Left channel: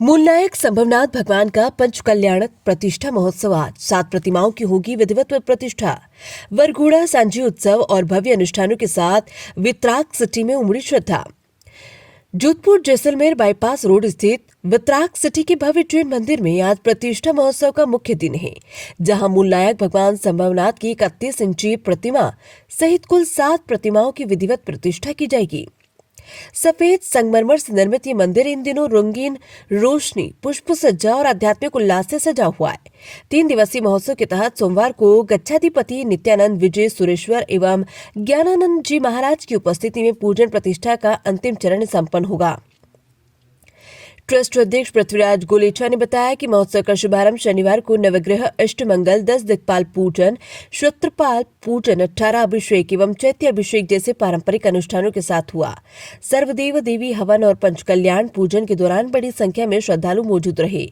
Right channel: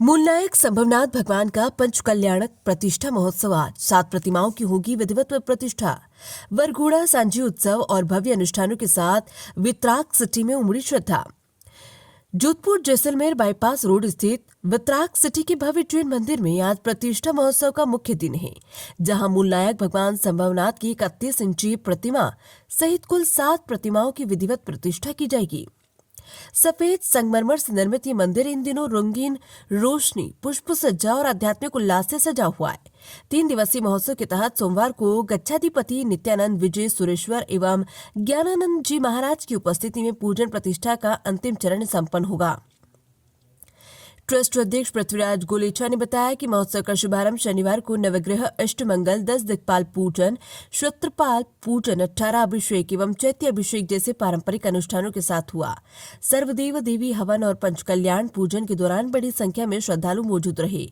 मूलनायक संभवनाथ भगवान का पंच कल्याणक प्रतिष्ठा महोत्सव आज 7 प्रतिमाओं की होगी विधिवत प्रतिष्ठा। वरघोड़ा सांझी उत्सव और भव्य अनुष्ठानों के साथ वितराग सिटी में उमड़ी श्रद्धा। जोधपुर जैसलमेर बाईपास रोड स्थित वितराग सिटी के भव्य जैन मंदिर में आज प्रतिष्ठा महोत्सव का मुख्य दिन है, जहां मूलनायक भगवान संभवनाथ की 31 इंची प्रतिमा सहित कुल 7 प्रतिमाओं की विधिवत प्रतिष्ठा की जाएगी। सफेद संगमरमर से निर्मित ये मंदिर इन दिनों रंगीन रोशनी, पुष्प सज्जा और आध्यात्मिक उल्लास से सजा हुआ है। 3 दिवसीय महोत्सव के तहत सोमवार को गच्छाधिपति नित्यानंद विजय सुरेश्वर एवं ज्ञानानंद जी महाराज की उपस्थिति में पूजन प्रतिष्ठा का अंतिम चरण संपन्न होगा। ट्रस्ट अध्यक्ष पृथ्वीराज गोलेचा ने बताया कि महोत्सव का शुभारंभ शनिवार को नवग्रह अष्टमंगल, 10 दिक्पाल पूजन, क्षत्रपाल पूजन, 18 अभिषेक एवं चैत्य अभिषेक जैसे पारंपरिक अनुष्ठानों के साथ हुआ। सर्वदेव देवी हवन और पंचकल्याण पूजन के दौरान बड़ी संख्या में श्रद्धालु मौजूद रहे।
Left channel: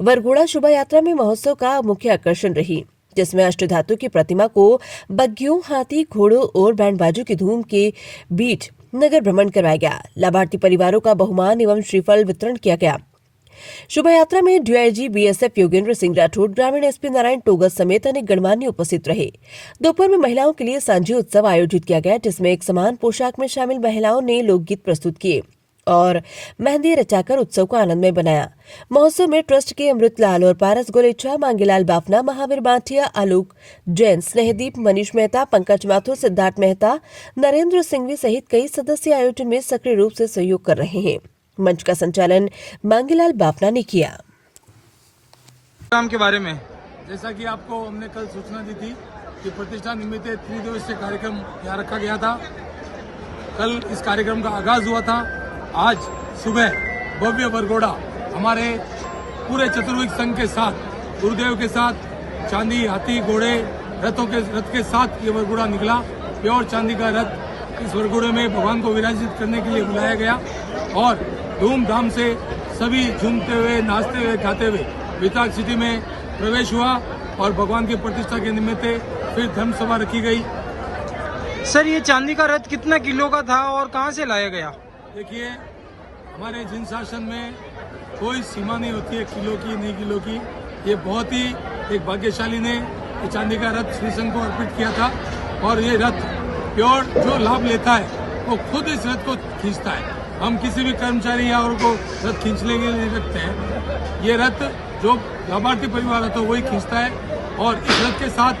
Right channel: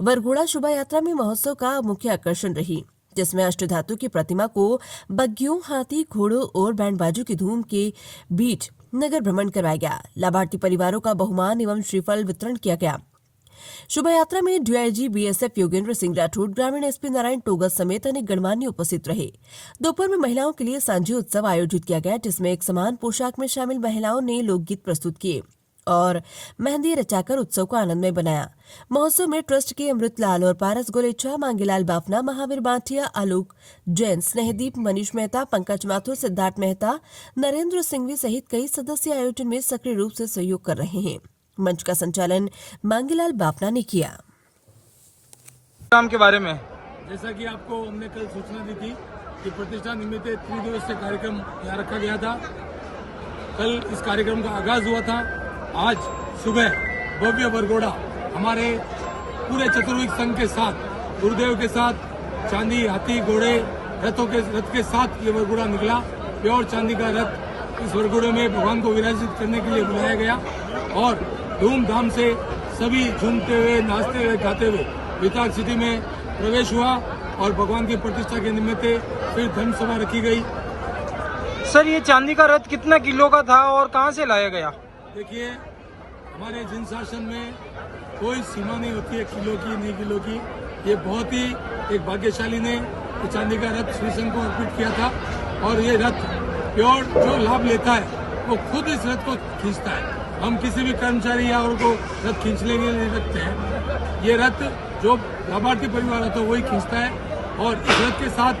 वरघोड़ा शोभा यात्रा में महोत्सव का मुख्य आकर्षण रही, जिसमें अष्टधातु की प्रतिमा को बग्गियों, हाथी, घोड़ों और बैंड बाजों की धूम के बीच नगर भ्रमण करवाया गया। लाभार्थी परिवारों का बहुमान एवं श्रीफल वितरण किया गया। शोभा यात्रा में डीआईजी बीएसएफ योगेंद्र सिंह राठौड़, ग्रामीण एसपी नारायण टोगत समेत अनेक गणमान्य उपस्थित रहे। दोपहर में महिलाओं के लिए सांझी उत्सव आयोजित किया गया, जिसमें एक समान पोशाक में शामिल महिलाओं ने लोकगीत प्रस्तुत किए और मेहंदी रचाकर उत्सव को आनंदमय बनाया। महोत्सव में ट्रस्ट के अमृतलाल और पारस गोलेचा, मांगीलाल बाफना, महावीर बांटिया, आलोक जैन, स्नेहदीप, मनीष मेहता, पंकज माथुर, सिद्धार्थ मेहता, नरेंद्र सिंघवी सहित कई सदस्य आयोजन में सक्रिय रूप से सहयोग कर रहे हैं। मंच का संचालन मांगीलाल बाफना ने किया। काम के बारे में जैसा कि आपको हमने कल सूचना दी थी कि प्रतिष्ठा निमित्त 3 दिवसीय कार्यक्रम यहाँ रखा गया था। कल इस कार्यक्रम का आगाज हुआ था। आज सुबह भव्य वरघोड़ा हमारे पूरे चतुर्विक संघ के साथ, गुरुदेव के साथ, चांदी, हाथी, घोड़े, रथ के साथ ये वरघोड़ा निकला। प्योर चांदी का रथ इस वरघोड़े में भगवान को विराजित करने के लिए बुलाया गया और धूमधाम से सभी झूमते हुए, नाचते हुए, गाते हुए वितराग सिटी में प्रवेश हुआ और भगवान की प्रतिष्ठा के निमित्त फिर धर्म सभा रखी गई। सर, ये चांदी का रथ कितना किलो का था और कहाँ से लाया गया? देखिए, हमारे जिन शासन में कोई सीमा नहीं होती है किलो की, नहीं किलो की। ये बहुत ही एक भाग्यशाली ने ये चांदी का रथ श्री संघ को अर्पित किया था और ये रथ प्योर जो लाभ लेता है वो खुद इस रथ को खींचता है। हम किसी भी कर्मचारी या और को रथ खींचने के लिए नहीं रखते हैं। ये रथ जो लाभार्थी परिवार होता है वही खींचता है और इस रथ के साथ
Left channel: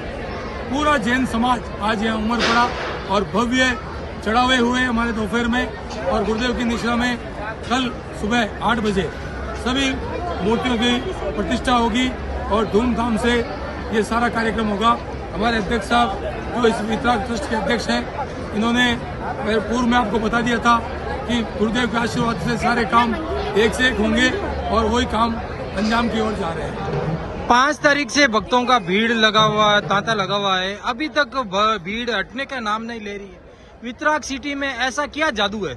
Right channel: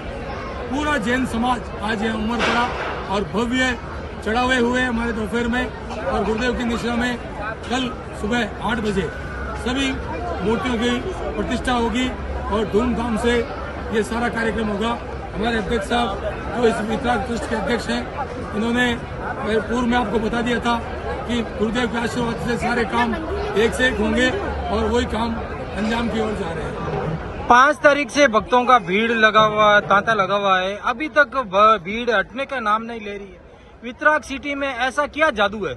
पूरा जैन समाज आज यहाँ उमड़ पड़ा और भव्य चढ़ावे हुए हमारे दोपहर में और गुरुदेव की निश्रा में कल सुबह 8 बजे सभी मूर्तियों की प्रतिष्ठा होगी और धूमधाम से ये सारा कार्यक्रम होगा। हमारे अध्यक्ष साहब जो इस वितराग ट्रस्ट के अध्यक्ष हैं, इन्होंने पूर्व में आपको बता दिया था कि गुरुदेव के आशीर्वाद से सारे काम एक से एक होंगे और वही काम अंजाम की ओर जा रहे हैं। 5 तारीख से भक्तों का भीड़ लगा हुआ, तांता लगा हुआ है। अभी तक भीड़ हटने का नाम नहीं ले रही है। वितराग सिटी में ऐसा क्या जादू है?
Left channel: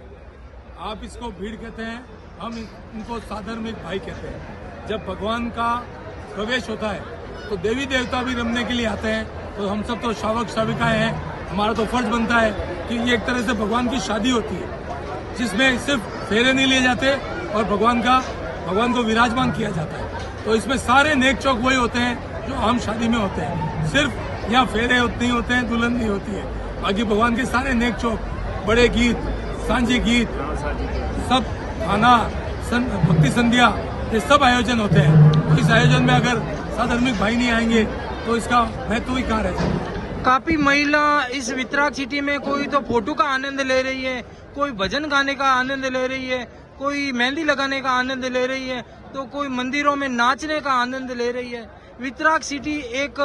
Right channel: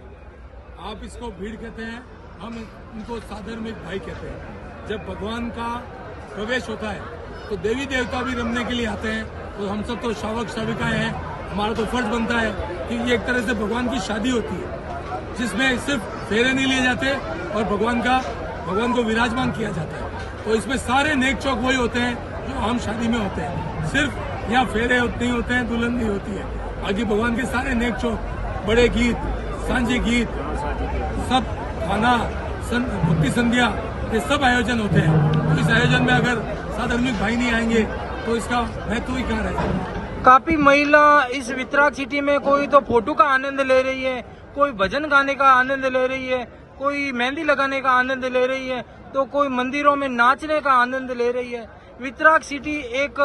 आप इसको भीड़ कहते हैं, हम इनको साधर्मिक भाई कहते हैं। जब भगवान का प्रवेश होता है तो देवी देवता भी रमने के लिए आते हैं। तो हम सब तो शावक शाविकाएं हैं, हमारा तो फर्ज बनता है कि ये एक तरह से भगवान की शादी होती है जिसमें सिर्फ फेरे नहीं लिए जाते और भगवान को विराजमान किया जाता है। तो इसमें सारे नेक चौक वही होते हैं जो आम शादी में होते हैं। सिर्फ यहाँ फेरे नहीं होते हैं, दुल्हन नहीं होती है। बाकी भगवान के सारे नेक चौक, बड़े गीत, सांझे गीत, सब खाना, भक्ति संध्या, ये सब आयोजन होते हैं। तो इस आयोजन में अगर साधर्मिक भाई नहीं आएंगे तो इसका महत्व ही कहाँ रह। काफी महिला इस वितराग सिटी में कोई तो फोटो का आनंद ले रही है, कोई भजन गाने का आनंद ले रही है, कोई मेहंदी लगाने का आनंद ले रही है, तो कोई मंदिरों में नाचने का आनंद ले रही है। वितराग सिटी एक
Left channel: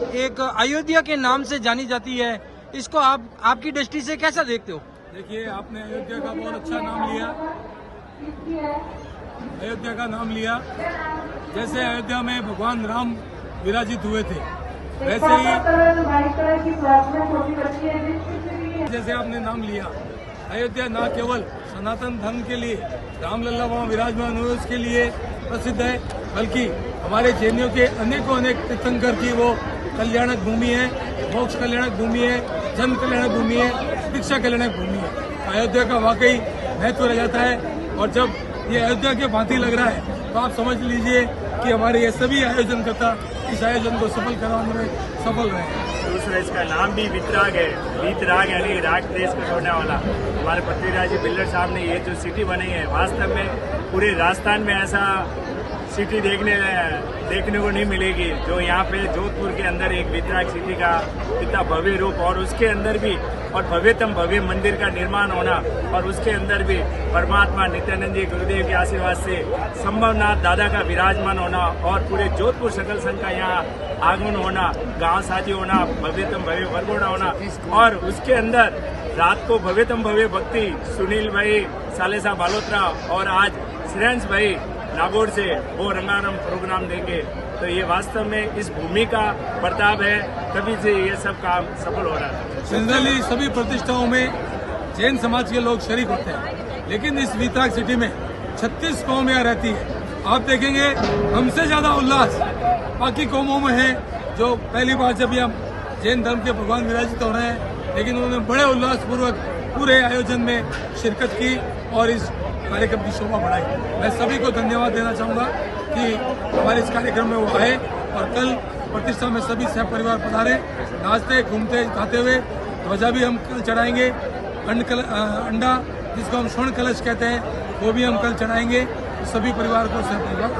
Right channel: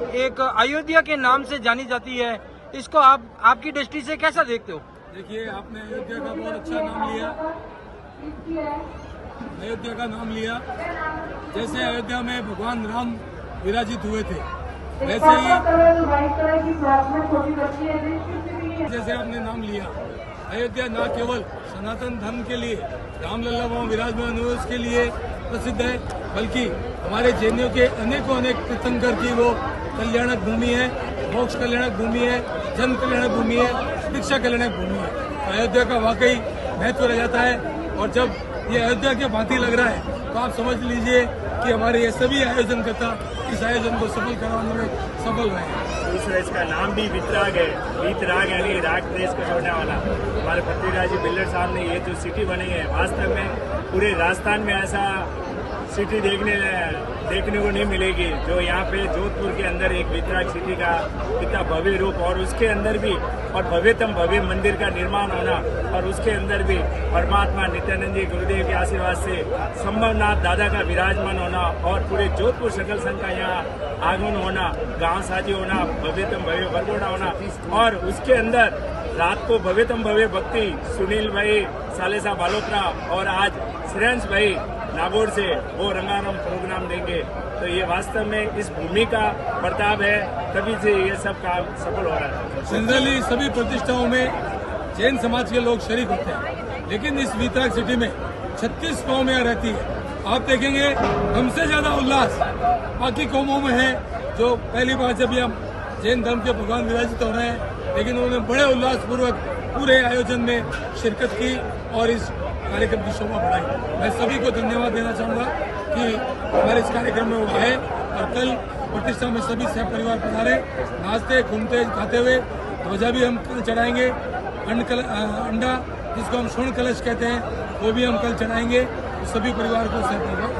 एक अयोध्या के नाम से जानी जाती है, इसको आप आपकी दृष्टि से कैसा देखते हो? देखिए, आपने अयोध्या का बहुत अच्छा नाम लिया। अयोध्या का नाम लिया, जैसे अयोध्या में भगवान राम विराजित हुए थे, वैसे ही जैसे आपने नाम लिया, अयोध्या न केवल सनातन धर्म के लिए रामलला वहाँ विराजमान हुए उसके लिए प्रसिद्ध है, बल्कि हमारे जैनियों के अनेकों अनेक तीर्थंकर की वो कल्याणक भूमि है, मोक्ष कल्याणक भूमि है, जन्म कल्याणक भूमि है, शिक्षा कल्याणक भूमि है। अयोध्या का वाकई महत्व रह जाता है, और जब ये अयोध्या के भांति लग रहा है तो आप समझ लीजिए कि हमारे ये सभी आयोजनकर्ता इस आयोजन को सफल कराने में सफल रहे हैं। दूसरा इसका नाम भी वितराग है, वीतराग यानी राग देश को छोड़ने वाला। हमारे पृथ्वीराज जी बिल्डर साहब ने ये जो सिटी बनाई है, वास्तव में पूरे राजस्थान में ऐसा सिटी देखने को नहीं मिलेगी जो यहाँ पे जोधपुर के अंदर एक वितराग सिटी का इतना भव्य रूप, और उसके अंदर भी और भव्यतम भव्य मंदिर का निर्माण होना, और उसके अंदर भी परमात्मा नित्यानंद जी गुरुदेव के आशीर्वाद से संभवनाथ दादा का विराजमान होना, और पूरे जोधपुर सकल संघ का यहाँ आगमन होना, गांव साजी होना, भव्यतम भव्य वरघोड़ा होना, और उसके अंदर रात को भव्यतम भव्य भक्ति सुनील भाई सालेसा बालोत्रा और आज श्रेयांश भाई नागौर से वो रंगारंग प्रोग्राम देंगे। तो ये वास्तव में इस भूमि का प्रताप है, तभी से ये सब काम सफल हो रहा है। जनरली सभी प्रतिष्ठाओं में जैन समाज के लोग शरीक होते हैं, लेकिन इस वितराग सिटी में 36 कौमें रहती है। आप देखेंगे हमसे ज्यादा उल्लास बाकी कौमों में है, जो पहली बार जब हम जैन धर्म के भगवान विराजित हो रहे हैं, लेकिन उन्होंने बड़े उल्लास पूर्वक पूरे आयोजन में शिरकत की और इस कार्यक्रम की शोभा बढ़ाई। मैं सभी को धन्यवाद देना चाहूंगा कि हमारे इस कार्यक्रम में वो आए, और कल प्रतिष्ठा में सभी सह परिवार पधारे, नाचते घूमते खाते हुए। ध्वजा भी हम कल चढ़ाएंगे, अंडा जिसको हम स्वर्ण कलश कहते हैं वो भी हम कल चढ़ाएंगे। सभी परिवार को सह परिवार